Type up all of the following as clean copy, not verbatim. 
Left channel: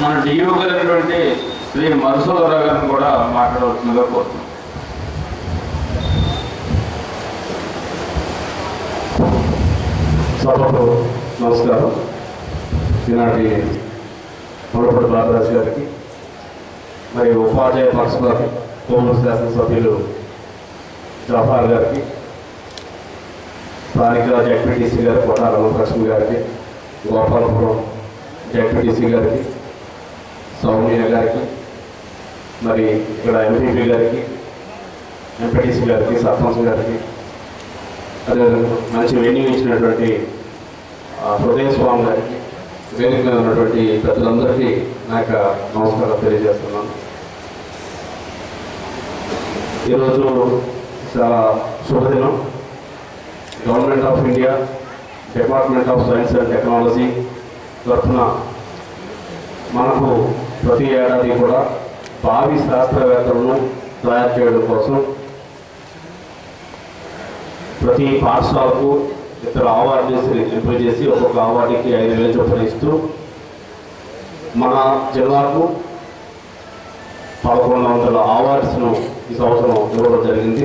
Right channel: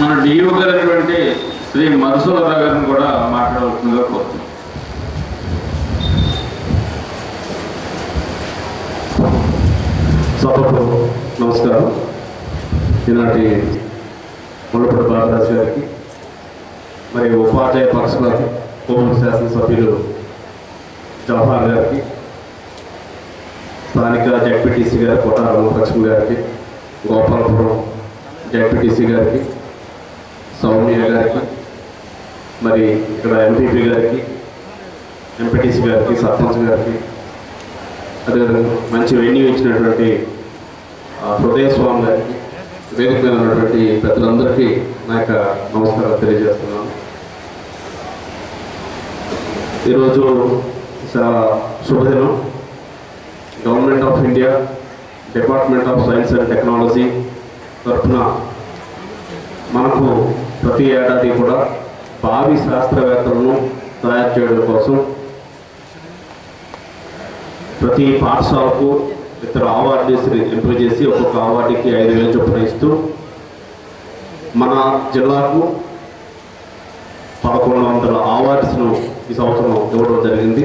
మన డియూ గారైనటువంటి శ్రీ మధుసూదరరావు గారిని కూడా మాట్లాడవలసిందిగా కోరుతున్నాం. సభకు నమస్కారం. ఈనాటి మునుపటి బాలరాజు గారికి, మరి ఉపాధ్యాయ పక్షుల కోమూరు శాసనసభ్యులు జవహర్ గారికి, స్థానిక జెడ్పీటీసీ గారు కోట రామకృష్ణ గారికి, గోపాలపురం జెడ్పీటీసీ గారికి, సౌమ్య గారికి, మరి ఇక్కడ ఎంపీపీ గారికి, ఎంపీటీసీ గారికి, సర్పంచ్ గారికి, అదేవిధంగా మంచి వెన్యూ ఇచ్చినటువంటి హృదయ స్వామి గారికి, వేదిక మీద ఉన్నటువంటి పెద్దలందరికీ నా యొక్క నమస్కారం తెలియజేస్తున్నాను. ఈరోజు చాలా శుభదినం. Government of India, department of science and technology తరఫున మనకు ప్రతి ఏడాది కూడా భావి శాస్త్రవేత్తలను తయారు చేయడం కోసం ప్రతి పాఠశాలకు ఇతర అవార్డీస్ని ఎంపిక చేసి ఒక్కొక్క అవార్డుకి 5,000 చొప్పున ఇస్తూ మన జిల్లాకు 1,100 అవార్డ్స్ను ఈ సంవత్సరం ఇవ్వడం జరిగింది.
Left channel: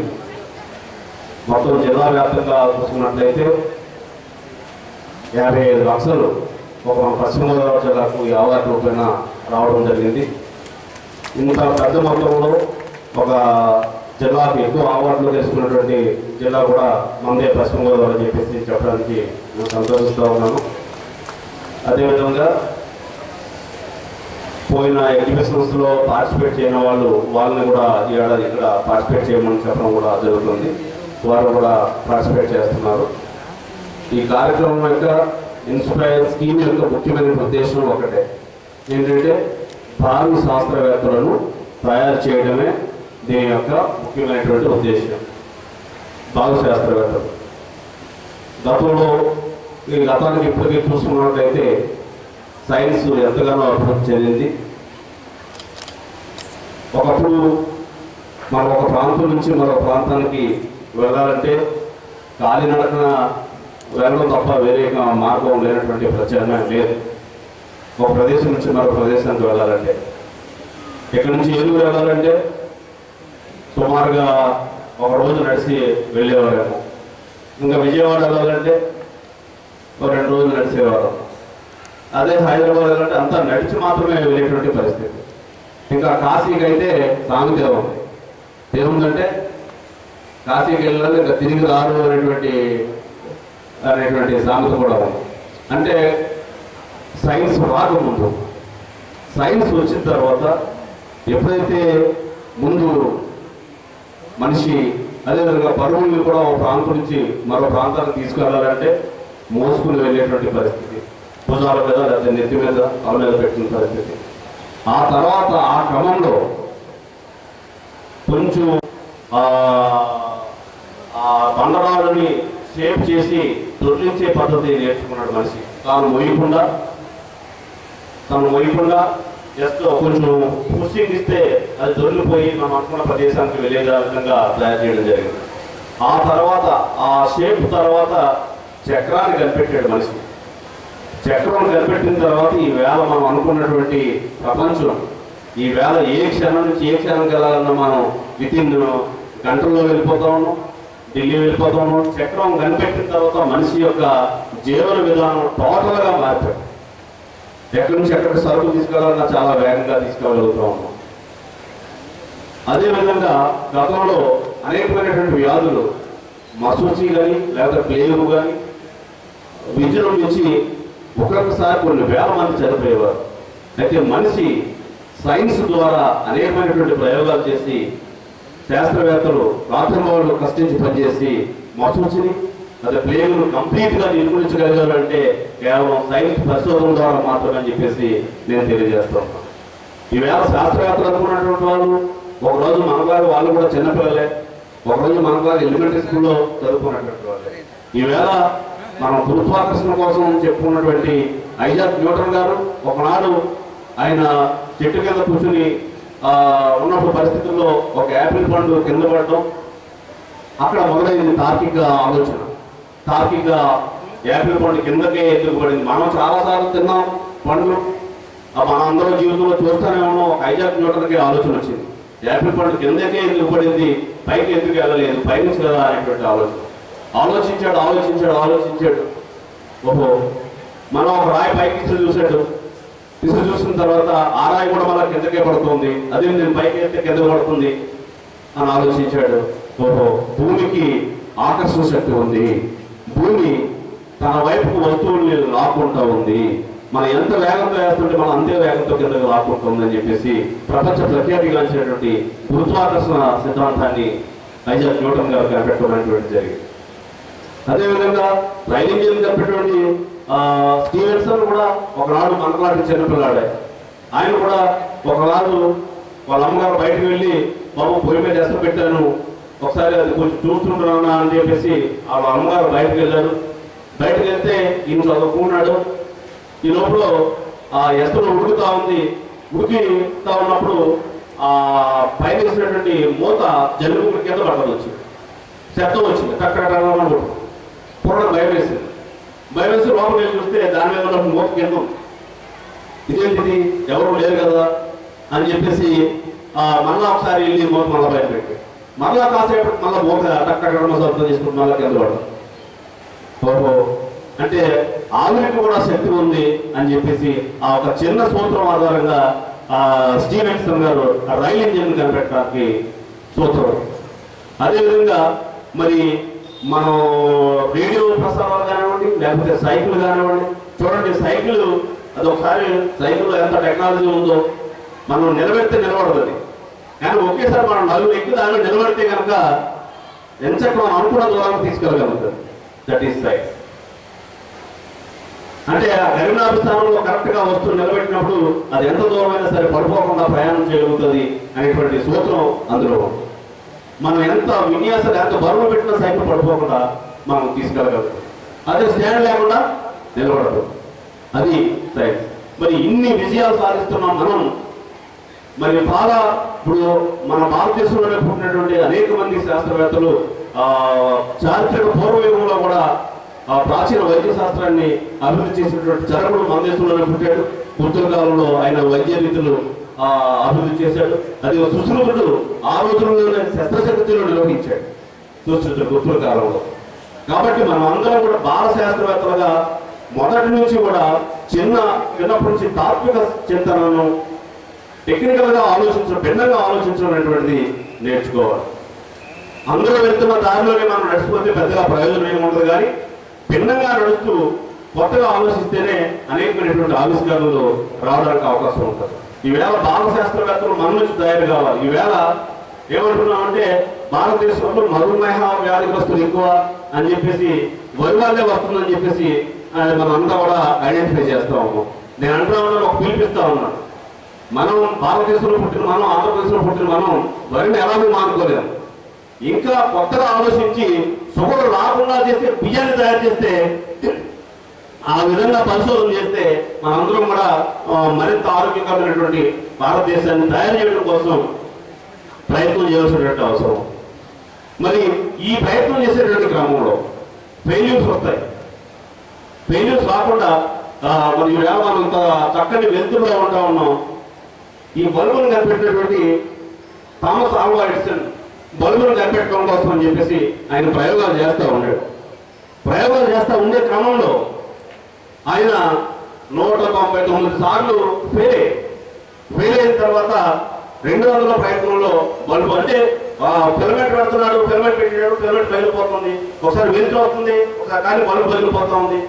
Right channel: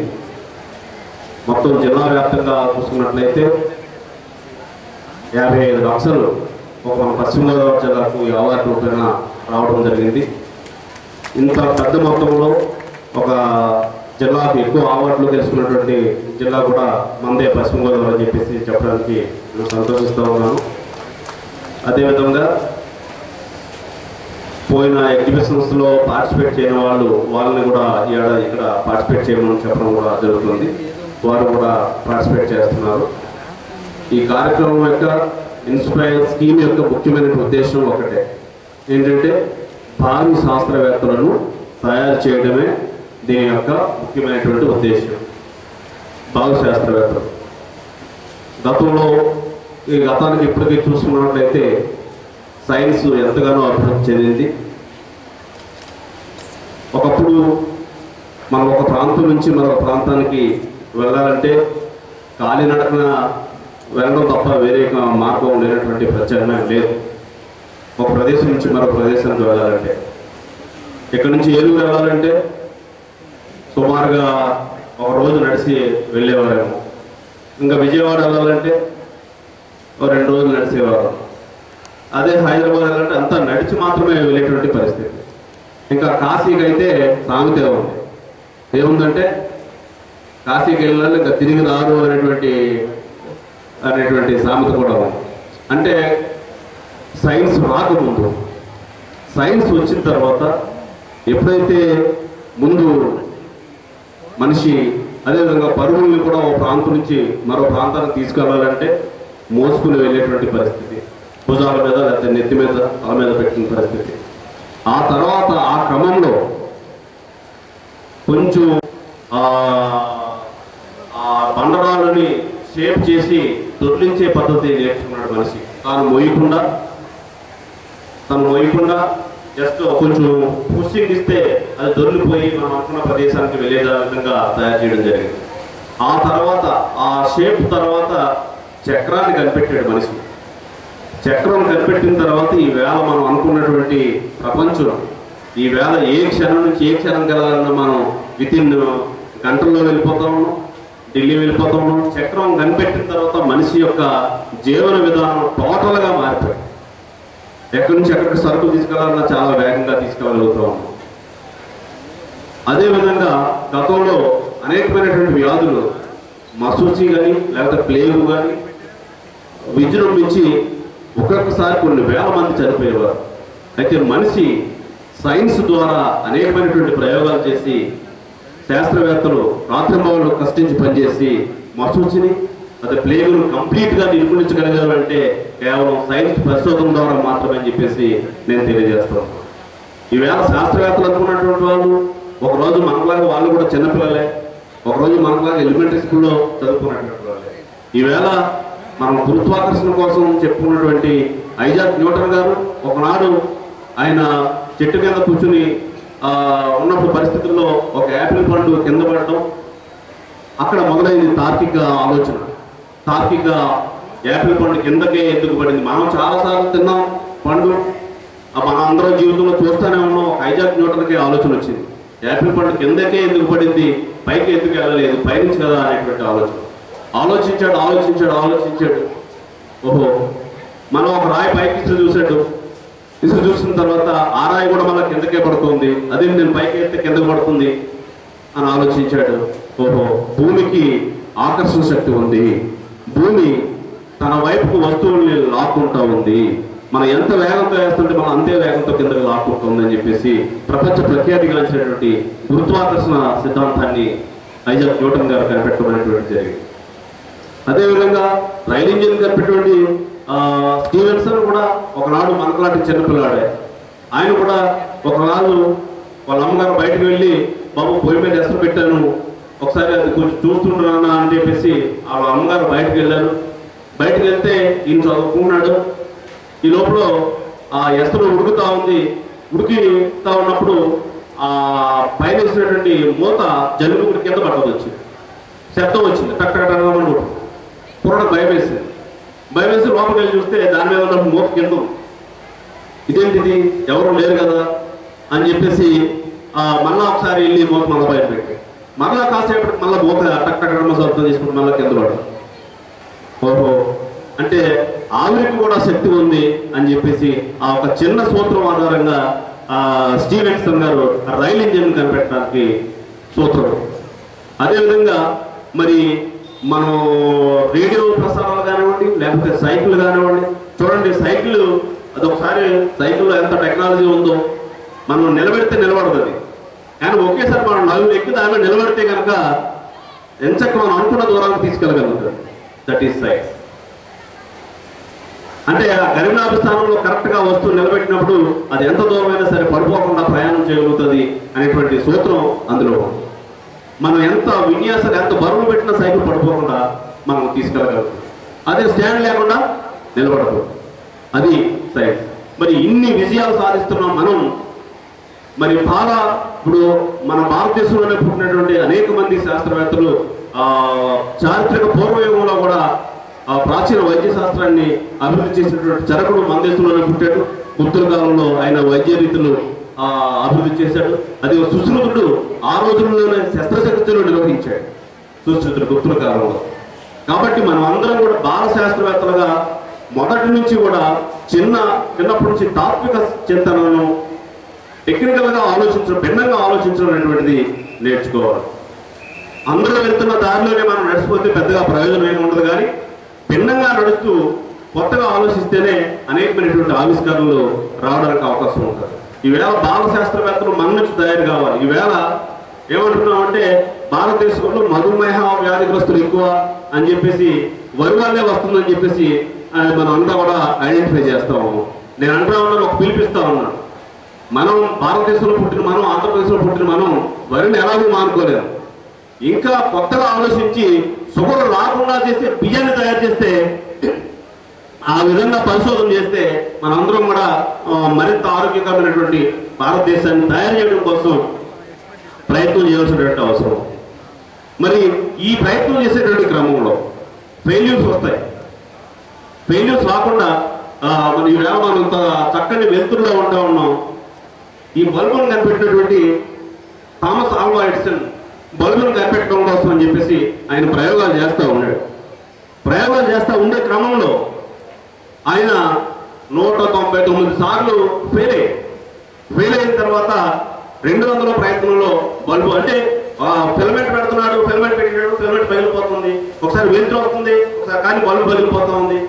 మొత్తం జిల్లా వ్యాప్తంగా చూసుకున్నట్లయితే 55 లక్షలు ఒక పశ్చిమ గోదావరి జిల్లాకు ఈ అవార్డు రూపేణ రావడం జరిగింది. ఇంత పెద్ద మొత్తంలో ఒక జిల్లాకు ఎక్కువ అవార్డులు గెలుచుకున్నటువంటి జిల్లా కూడా మందే పశ్చిమ గోదావరి అని చెప్పేసి చెప్పడానికి నేను సంతోషిస్తూ ఉన్నాను. అదేవిధంగా పోయిన ఎగ్జిబిషన్స్లో పార్టిసిపేట్ చేయని వాళ్ళని కూడా ఈ ఏడాది ఇక్కడ పార్టిసిపేట్ చేయమని చెప్పడం కూడా జరుగుతుంది. వారు కూడా పార్టిసిపేట్ చేస్తున్నారు. ఈ కార్యక్రమం యొక్క ఇన్స్పైర్ స్కీమ్ యొక్క ముఖ్యమైన ఉద్దేశం ఒకటే, ఏంటంటే భావి శాస్త్రవేత్తలను తయారు చేయడమే దీని యొక్క ముఖ్యమైనటువంటి ఉద్దేశం. భావి శాస్త్రవేత్తలు గతంలో ఈ గతానికి ఇప్పటికీ చూసుకున్నట్లయితే సైన్స్ ఎంతగానో అభివృద్ధి చెందింది. ఒకప్పుడు మనం ఒక ప్రాంతం నుంచి మరొక ప్రాంతానికి వెళ్ళాలంటే కాలినడకన వెళ్ళడం తప్ప వేరే మార్గం లేనటువంటి ప్రత్యామ్నాయం లేదు. ఒక ప్రదేశం నుంచి మరొక ప్రదేశానికి వెళ్ళాలంటే, ఇక్కడి నుంచి ఏలూరు వెళ్ళాలంటే సుమారుగా ఒక రోజు నడిచి వెళ్ళేవారేమో. ఇంకా విజయవాడ వెళ్ళాలంటే ఒక 2 రోజులు నడిచేవారు. అదే హైదరాబాద్ వెళ్ళాలంటే అంతా నడిచి మాత్రమే వెళ్ళేటువంటి పరిస్థితి. ఇంకా కాశీకి అయితే సామెత ఉంది. ఏముందంటే కాశీకి వెళ్ళాలి ఇంకా తిరిగి రారు అనేటువంటి సామెత కూడా ఉంది. అంటే సైన్స్ రాకముందు, సైన్స్ వచ్చిన తర్వాత ఎప్పుడైతే ముందు మనిషి అదేవిధంగా పరువుల్ని కూడా ఒక ప్రాంతం నుంచి మరో ప్రాంతానికి తీసుకెళ్ళాలంటే మోసుకుని వెళ్ళేటువంటి పరిస్థితి, భుజాల మీద లేకపోతే నెత్తి మీద తల మీద పెట్టిన పరిస్థితి. ఆ తర్వాత ఆ క్రమంలో కొంచెం ఆ బండరాళ్ళని షేప్ చేసి దొర్లించే పద్ధతి నేర్చుకున్నాడు మనిషి. తను మోయకుండా జస్ట్ కొంచెం పుషింగ్ ఇస్తే అది దొరికిపోయి మనం అనుకున్న ప్రదేశానికి వెళ్ళే విధంగా తయారు చేయడం జరిగింది. ఆ తర్వాత ఆ షేప్ తర్వాత చక్రాన్ని కనిపెట్టాడు మనిషి. చక్రం కనిపెట్టిన తర్వాత ఈ వేళ మనం అనుకున్నటువంటి ప్రపంచం, ఈ వేళ ఏ క్షణం నుంచి ఏ క్షణంకి వెళ్ళాలన్నా మనం వితిన్ గంటల్లో వెళ్ళిపోతా ఉన్నాం, ఢిల్లీ వెళ్ళిపోతా ఉన్నాం. చక్రం కనిపెట్టిన తర్వాత మనిషి యొక్క జీవన విధానం టోటల్గా మారిపోయింది. ఎక్కడి నుంచి ఎక్కడికి సరుకు తీసుకెళ్లాలన్నా చాలా వేగంగా తీసుకెళ్ళగలుగుతూ ఉన్నాం. అదేవిధంగా గతంలో అనేకమైనటువంటి వ్యాధులు, మసూచి కానీ లేకపోతే ప్లేగు కానీ విజృంభించి ఒక్కొక్కసారి కొన్ని వేల మంది చనిపోయేవారు. అయితే మనిషి సైన్స్ ద్వారా అనేకమైనటువంటి ప్రయోగాలు చేసి శాస్త్రవేత్తలు రాత్రింబవళ్ళు కష్టించి పనిచేసి మసూచిని అదే ప్లేగును కంప్లీట్గా నిర్మూలించగలిగారంటే కేవలం సైన్స్ పరిశోధన ద్వారా మాత్రమే అని చెప్పేసి నేను తెలియజేస్తున్నాను. ఈవేళ శాస్త్రవేత్తలు అనుకున్నటువంటి వాళ్ళు ఒకరోజు మనలాగా వాళ్ళు కూడా చిన్నపిల్లలే, ఒకరోజు మనలాగా ఎలిమెంటరీ స్కూల్లో చదువుకున్నటువంటి వాళ్ళే. ఈవేళ మనం గురుత్వాకర్షణ కోసం చెప్పుకున్నటువంటి ఐజాక్ న్యూటన్ గారు ఒకనాడు ఆయన చెట్టు కింద కూర్చుని ఉన్నప్పుడు పరిస్థితుల్లో ఒక యాపిల్ పండు కింద పడటం, అక్కడ మొదలైంది తార్కిక ఆలోచన. తార్కిక యాపిల్ పండు కిందకే ఎందుకు పడింది? మనం చాలాసార్లు తిన్నాం పండు, మన అందరం జీవితంలో చూస్తూనే ఉన్నాం. ఐజాక్ న్యూటన్కి ఆలోచన వచ్చింది, యాపిల్ పండు కిందకే ఎందుకు పడింది, పైకి ఎందుకు వెళ్ళలేదు, పైనుంచి కదా అనేటువంటి ఆలోచించాడు. ఓహో, మనం ఒక రాయి పైకి చూశాడు. చూసిన తర్వాత ఆ రాయి కూడా మళ్ళీ కిందకే పడుతుంది, అదే నేను పైకి వెళ్తే కింద పడుతుంది అని ఆలోచించాడు. ఓహో, భూమికి ఆకర్షణ శక్తి ఉంది, భూమి తన వైపుకు వస్తువుల్ని లాక్కుంటా ఉంది, మనం ఎంత వేగంతో వేస్తుంటే మనం అంతే వేగంతో కిందకి లాక్కుంటుంది అని చెప్పేసి ప్రపంచ ప్రఖ్యాతిగాంచినటువంటి గురుత్వాకర్షణ సిద్ధాంతాన్ని ఐజాక్ న్యూటన్ గారు కనిపెట్టుకునేటువంటి జరిగింది. అదేవిధంగా రైల్ ఇంజిన్ కనిపెట్టినటువంటి స్టీవెన్సన్ కూడా ఒకనాడు మనలాంటి చిన్నపిల్లాడే. ఆయన కూడా ఒకనాడు వాళ్ళ అమ్మగారు బయటకు వెళ్ళి, బాబు పొయ్యి మీద ఎసరు పెట్టాను, ఒకసారి అది కొంచెం చూస్తుంటున్నా అని చెప్పేసి వాళ్ళ అమ్మగారు బయటకు వెళ్ళారు. బయటకు వెళ్తే ఈయన చదువుకున్నాడు. ఈ లోపల ఆ ఎసరు ఉడుకుతా ఉన్నప్పుడు ఆ పైన వేసినటువంటి మూత జలుబు కింద పట్టదు వచ్చింది, శబ్దం వచ్చింది, టక్కడమని పూర్ణ భయం వేసి లోపలికి వెళ్ళి చూస్తే దాని మీద ఉన్న మూత కింద ఇదేంటిది, ఎవరు లేరు కదా అని చెప్పేసి మళ్ళా ఒకసారి వెళ్ళి మూత మళ్ళీ బయట పెట్టి మళ్ళా కాసేపు మళ్ళీ మూత టక్కడమ శబ్దం చేసుకుని మళ్ళీ కింద పడదు. ఓహో, అంటే ఆవిరికి కూడా శక్తి ఉంది అని చెప్పేసి ఆ ఒక చిన్న సూత్రం ఆధారంగా స్టీవెన్సన్ గారు రైల్ ఇంజిన్ కనిపెట్టడానికి సూత్రం. అదేవిధంగా మరి మనం రేడియో ప్రసారాలు కానివ్వండి, లేకపోతే సైకిల్ కానివ్వండి, చూడండి సైకిల్ అదొకసారి సైకిల్లో ఎంత టెక్నాలజీ ఉందో, మనం నిలబెడితే నిలబడదు అది, కానీ ఒకేసారి మనం నలుగురు ఎక్కి దానిలో నిలబడితే కనుక ఎంచక్క మనం అనుకున్న దూరానికి తీసుకెళ్ళగలుగుతుంది. That is science. అంటే ఆ గరినాభ స్థానంలో కరెక్ట్గా వస్తువు నిలబెట్టినప్పుడు అది ఎంత దూరమైనా సరే పడిపోకుండా ప్రయాణం చేయగలుగుతుంది అనేటువంటి సూత్రం అందులో. మనం ఎంత విన్యాసాలు ఎంత బరువు పెట్టిన సైకిల్ పడిపోకుండా మనం తీసుకెళ్ళగలుగుతాం. అదే స్టాండ్ లేకుండా నిలబడదు, అది సైన్స్. మరి ఇన్ని విజయాలు సాధిస్తున్నాం మనం. మరి చాలా ఇప్పుడు మన భారతదేశంలోనే పుట్టినటువంటి అనేక మంది శాస్త్రవేత్తలు చారిత్రక పూర్వయుగంలో కూడా ప్రాచీన వైద్య శాస్త్రాన్ని అభివృద్ధి చేసినటువంటి చరకుడు మన దేశంలోనే పుట్టాడు. గుప్తుల కాలంలో ఆయన వైద్య రీతులు అభివృద్ధి చేశాడు. అది సుశ్రుతుడు ఆ రోజుల్లోనే శస్త్రశక్తులు నిర్వహించాడు, సుశ్రుతుడు గుప్తుల కాలంలో. కాబట్టి మనం అందరం కూడా బాల శాస్త్రవేత్తలుగా మొదటి నుంచి కూడా చిన్నప్పటి నుంచి తాత్విక చింతనను, టెక్నికల్గా ఆలోచించడం, భిన్నంగా ఆలోచించడం అనేటువంటిది నేర్చుకోవాలి. అందరూ వెళ్తున్న దారిలోనే మనం నడిచిపోతే పెద్దగా ప్రయోజనం ఏమి ఉండదు, కానీ భిన్నంగా నడుస్తూ కొత్తగా ఆలోచిస్తేనే అనేకమైనటువంటి ఆవిష్కరణలు రావడానికి అవకాశం ఉంటుంది. ఈవేళ బాల శాస్త్రవేత్తలు మన నుంచి తయారు కావాలి. ఈవేళ ఏమంటున్నామంటే భారతదేశంలో మధుమేహ వ్యాధిగ్రస్తులు ఎక్కువ అని చెప్పేసి, వరి వాళ్ళే వస్తుందని చెప్పేసి మనం అంతా కూడా ఐడెంటిఫై చేస్తా ఉన్నాం. నేను అంటా ఉన్నాను, ఒక పిలిపిస్తా ఉన్నాను. మనం భారతదేశంలో పుట్టిన మనం, ఆంధ్రప్రదేశ్లో పుట్టిన మనం వరిని ఎలాగూ మానుకోలేము. ఇంకా కొత్తగా ఆలోచించి షుగర్ రాకుండా చేస్తే బియ్యాన్ని తయారు చేస్తే, ఆ విధంగా పరిశోధన చేస్తే మనందరం కూడా మరింత ఆరోగ్యకరమైనటువంటి భారతదేశాన్ని తయారు చేయడం కోసం ప్రయత్నం చేయాల్సినటువంటి అవసరం. మరి ఈ ప్రయత్నం చేసేటువంటి క్రమంలో ఫెయిల్యూర్స్ వస్తాయి. ఫెయిల్యూర్స్ రాకుండా మరి ఈవేళ మనం చక్కని వెలుతురులో ఉంటా ఉన్నాం. ఈ బల్బును కనిపెట్టినటువంటి థామస్ ఆల్వా ఎడిసన్ బల్బును కనిపెట్టడం కోసం అని చెప్పేసి ఆయన ప్రయోగాలు చేస్తూ ఉన్నాడు. ప్రయోగాలు చేస్తూ ఉండే క్రమంలో ఆయన 199 సార్లు ఫెయిల్ అయిన తర్వాత 200వ ప్రయత్నంలో బల్బు, అంటే ఫిలమెంట్ పెడుతున్నాడు, ఫిలమెంట్ పెట్టాడు, ఫిలమెంట్ పగిలిపోతుంది, ఒకసారి వెలుతురు వస్తుంది, ఒకసారి కానీ బల్బు పగిలిపోతా ఉంది.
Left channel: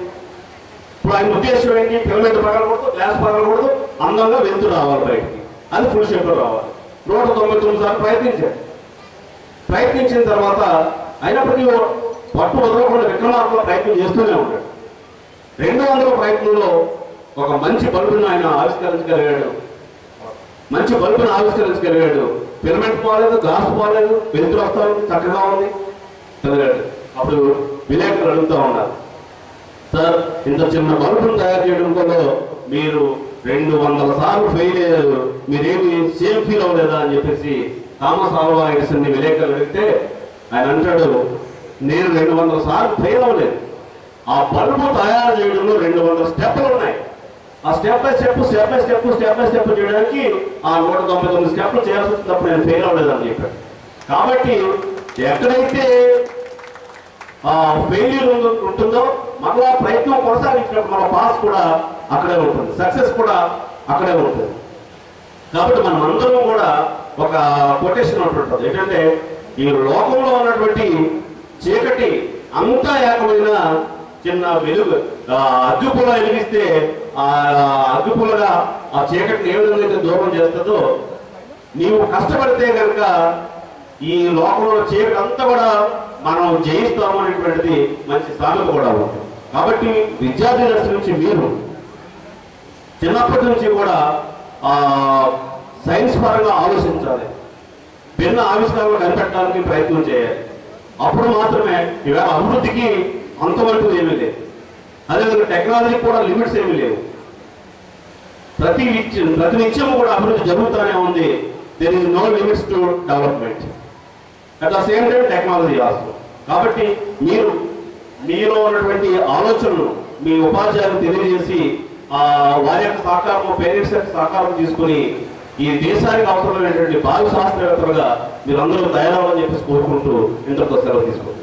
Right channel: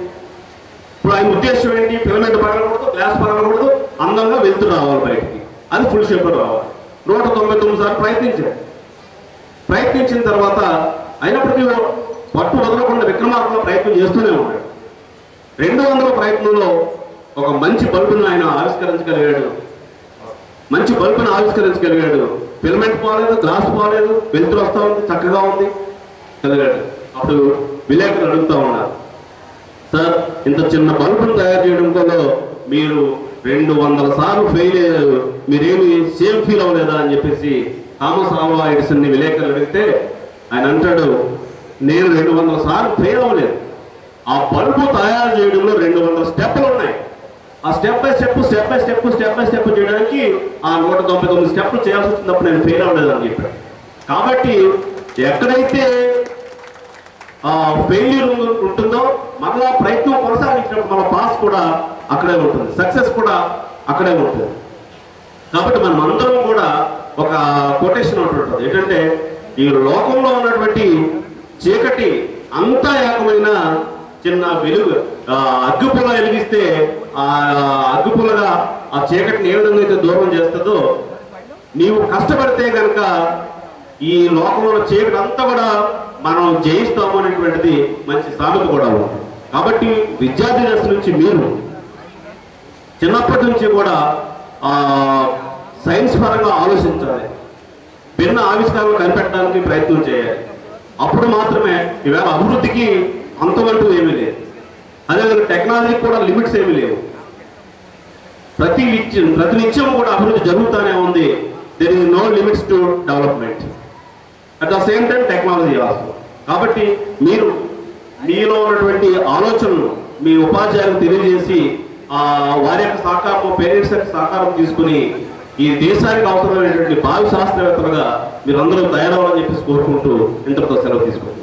ఇప్పుడు ఆయన ఉద్దేశం ఏంటి, ఫిలమెంట్ పగలకూడదు, గ్లాస్ పగలకూడదు, అందంగా వెలుతురు రావాలి బయటికి, అది ఫుల్ షేప్లో రావాలి. 199 సార్లు ప్రయత్నించిన తర్వాత అయినప్పటికీ పట్టు వదలకుండా విక్రమార్కుల ప్రయత్నం చేస్తూనే ఉంటాడు. 200వ ప్రయత్నంలో ఒక మంచి బల్బును ఆయన ఆవిష్కరించగలిగాడు. ఫిలమెంట్ పోలేదు, గ్లాస్ పోలేదు, వెలుతురు వస్తూ ఉంది, చక్కగా ఉంది చదివాడు. అప్పుడు విలేకరులు అడుగుతూ ఉన్నారు, సార్ ఇంత చిన్న బల్బును తయారు చేయడంలో మీరు 200 సార్లు ఫెయిల్ అయ్యారు, మీరేమి సేమ్ ఫీల్ అవ్వలేదా అని చెప్పేసి థామస్ ఆల్వా ఎడిసన్ని విలేకరులు అడిగితే ఆయన అంటాడు, నేను 200 సార్లు ఫెయిల్ అవ్వలేదు, ఆ బల్బు తయారు చేయడంలో 200 స్టెప్పులు ఉన్నాయి. ఆ స్టెప్ బై స్టెప్ చేయడానికి ఆ 199 స్టెప్లు చేయాల్సి వచ్చినప్పుడు నేను ఫెయిల్ అవ్వలేదని చెప్పాను. కాబట్టి ఎక్కడైతే ఫెయిల్యూర్ ఉంటుందో మరలా ప్రయత్నం కొనసాగించినప్పుడు మన పాస్ కూడా అక్కడే ఉంటుంది, సక్సెస్ కూడా అక్కడే ఉంటుంది. కాబట్టి మనం అందరం కూడా ఒక కొటేషన్ ఉంటుంది ఏంటంటే, ఈ లోకంలో ఉన్నటువంటి చీకటి అంతా ఏకమైన చిన్న వెలుగు అగ్గిపుల్ల వెలిగిస్తే ఆ అగ్గిపుల్లగా ఆ చీకటిని ఏ విధంగా అయితే దూరం చేస్తుందో, నీవు కష్టపడితే కనుక ఈ లోకంలో చీకటి అంతా కూడా మనం జయిస్తాము అనేటువంటిది మంచి సామెత కూడా ఉంది. కాబట్టి విద్యార్థి దశ నుంచి మీరు చిన్నప్పటి నుంచి కూడా సైన్స్ పరంగా ఆలోచించాలి, భిన్న ఆవిష్కారాలు కనిపెట్టడానికి ప్రయత్నం చేయాలి. అప్పుడు మాత్రమే ఇవాళ అభివృద్ధికి అంతవరకు ఏమీ లేదు. అదేవిధంగా టెక్నాలజీకి కూడా లిమిట్స్ ఏమీ లేవు. ప్రతి నిత్యం కూడా అభివృద్ధి జరుగుతూనే ఉంది. There is no limits to development. At the same time technology also. కాబట్టి మీరు మీలో ఉన్నటువంటి ఆలోచనలు మీ ఉపాధ్యాయులకు తెలియజేసి వారి యొక్క సహకారం, పేరెంట్స్ యొక్క సహకారం తీసుకుని ఈ దేశానికి అవసరమైనటువంటి భావి శాస్త్రవేత్తలుగా మీరందరూ తయారవ్వాలని చెప్పేసి కోరుకుంటూ ఇంతటితో సెలవు తీసుకుంటారు.